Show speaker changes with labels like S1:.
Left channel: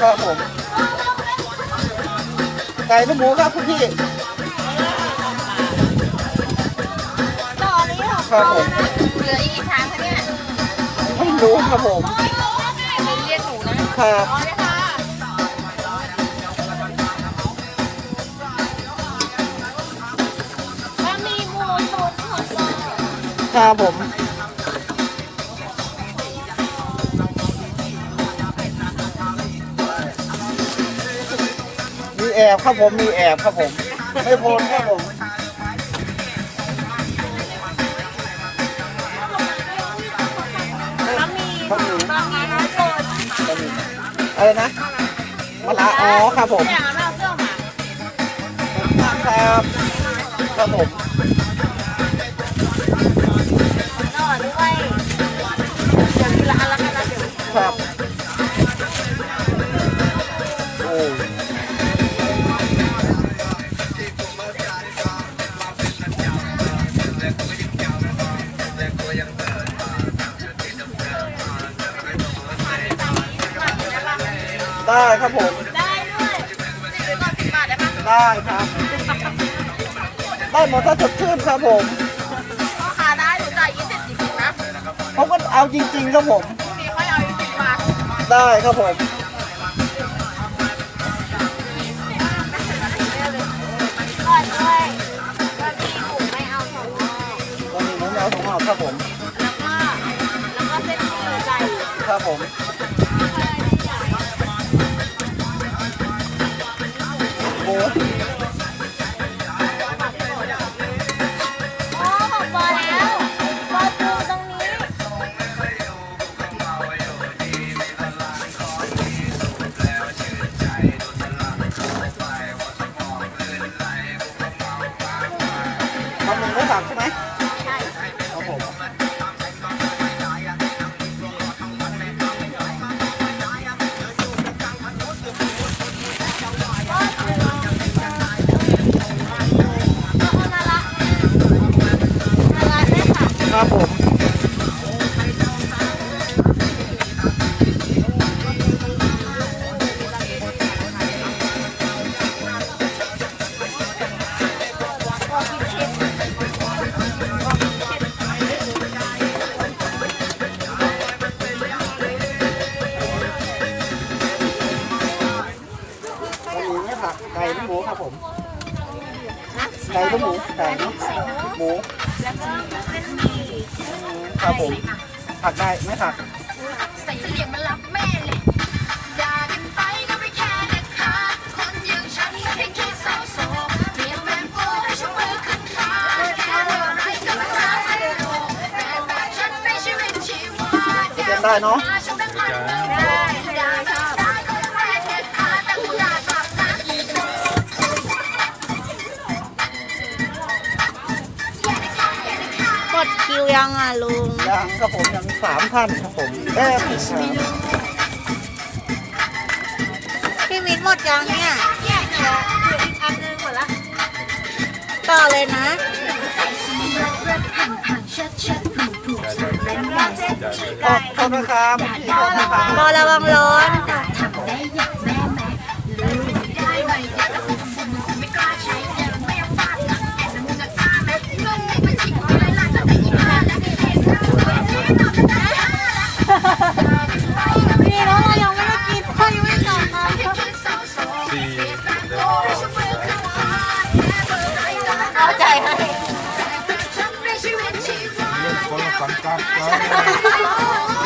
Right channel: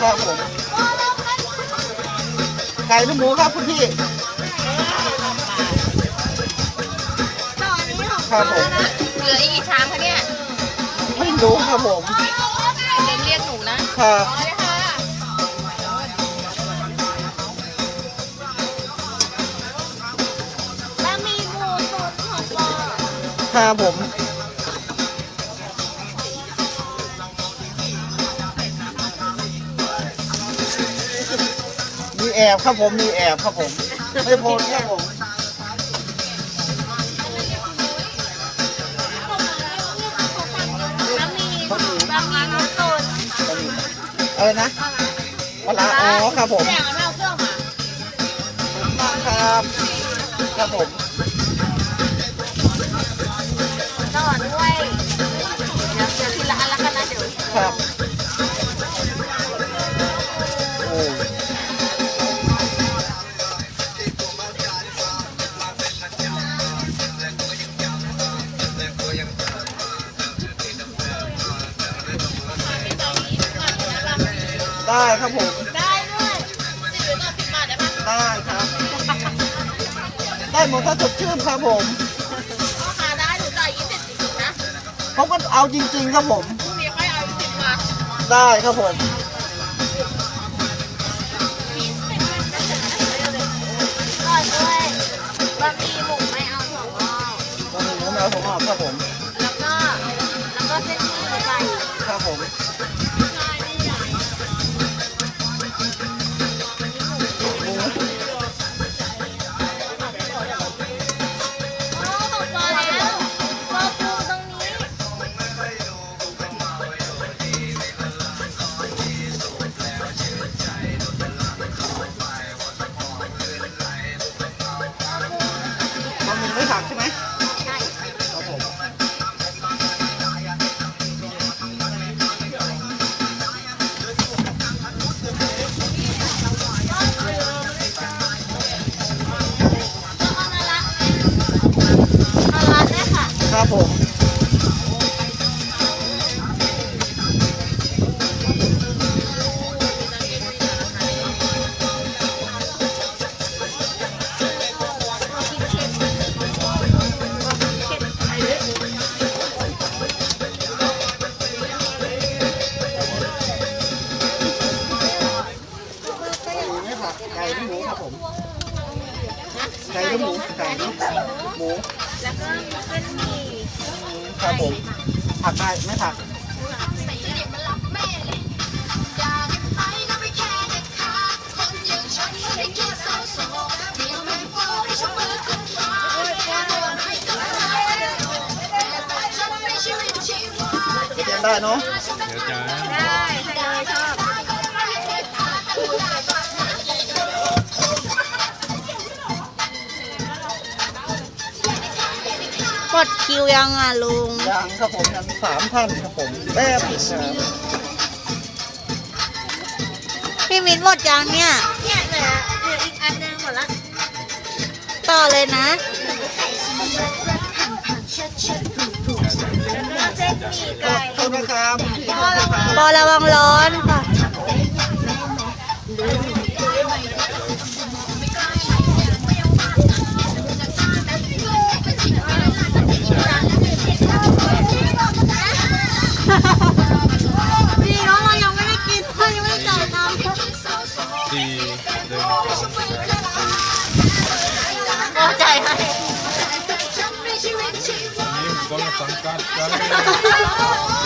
S1: ครับผมไก่หรือหมูครับคุณพี่
S2: ต่ออันนี้ของ
S1: ครับผม
S2: เหลืออีกกี่ชามคะเนี่ย
S1: ไม่รู้ครับผม
S2: เดี๋ยวเรียกหนูนะครับอ๋อเลยค่ะแล้วมีหมูสดของปอ
S1: ครับผม มีแอบครับผมมีแอบครับผม ไม่โพนครับผม
S2: แล้วมีบะหมี่น้ำสด
S1: บะหมี่อะไรนะมะระอ๋อครับผม
S2: เนี่ยไม่เอาเครื่องมา
S1: ครับครับผม
S2: ต่อด้วยเดี๋ยวเดี๋ยวทีละอันละกันนะเดี๋ยว
S1: ครับ ได้ครับผม
S2: ได้ด้วยซื้อก่อนสิบบาทได้ไหม
S1: ได้ครับ ได้หมดถ้าสดชื่นครับผม
S2: พ่อค้าได้หนูจ่ายยี่สิบจริงๆนะ
S1: เขาก็เอาจริง ๆ ครับผม
S2: พรุ่งนี้ค่อยเอาอีกสิบบาท
S1: ได้ครับผม
S2: ก่อนด้วยบะหมี่หมูไม่เอาถั่วงอก
S1: บะหมี่หมูแมวถั่วงอกครับผม
S2: แล้วก็ แล้วก็เส้นหมี่ไก่
S1: ครับผม
S2: ใช่
S1: หมี่ไม่ผักใช่ไหม
S2: ใช่
S1: ครับผม
S2: แล้วเอามาละมคะ
S1: ครับผม ไม่ผักไก่หรือหมูครับผมไก่หรือหมูไก่นะหมู
S2: แล้วก็เส้นหมี่
S1: อืมครับผมผักได้ไม่ผัก
S2: ใส่เสลียงมันรักแม่เลยด่ากันไปก็ไม่แค่เด็ดขาดคนอย่างฉันไม่ได้แค่เศร้าโศกเปลี่ยนแปลงโฟให้ฉันมือขึ้นฟ้าแค่อะไรก็ตามแต่แบบฉันไม่ใช่เป็นชีวิต
S1: จะเตรียมได้เนาะ
S2: ดคิวยังอะลุง
S1: ยังครับผมยังสามท่านครับผมแป๊บหนึงครับ
S2: พี่มิ้นหมดยังเนี่ยเนี่ยเหลืออีกอันนึงหมดละ ต่อเลยนะไก่
S1: โทษนะครับคุณพี่โทษนะครับ
S2: บอระวังร้อ สี่หนึ่ง
S3: สี่เดิน
S2: เอาใจให้
S3: เรื่องคนละสังกัดกัน